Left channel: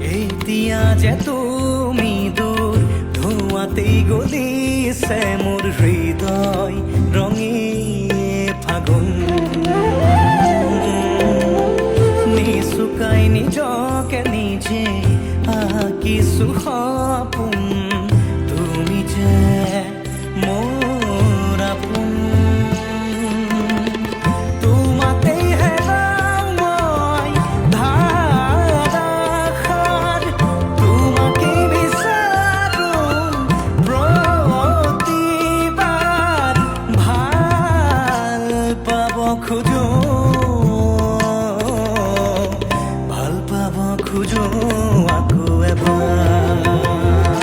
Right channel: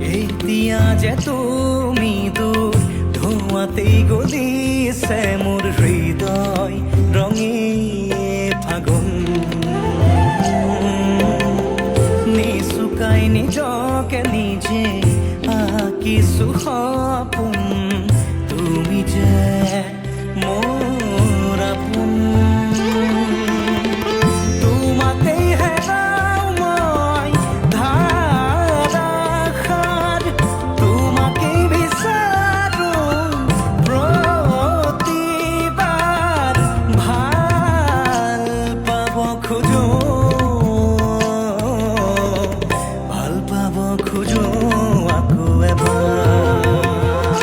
এতিয়া যে তুমি দূৰ ধোঁৱাতেই গলিছে মোৰ হৃদয় ৰঙী ফাগুন নিচুকাই নিজকে নিজে আঁকিছো সপোন তুমি যে মোৰ আপোন তোমাতেই হেৰাও মই ধাৰাসাৰ তোমাকেই বিচাৰো প্ৰতিবাৰ ভাল পাব খোজো ভাল পাব খোজো আকৌ এবাৰ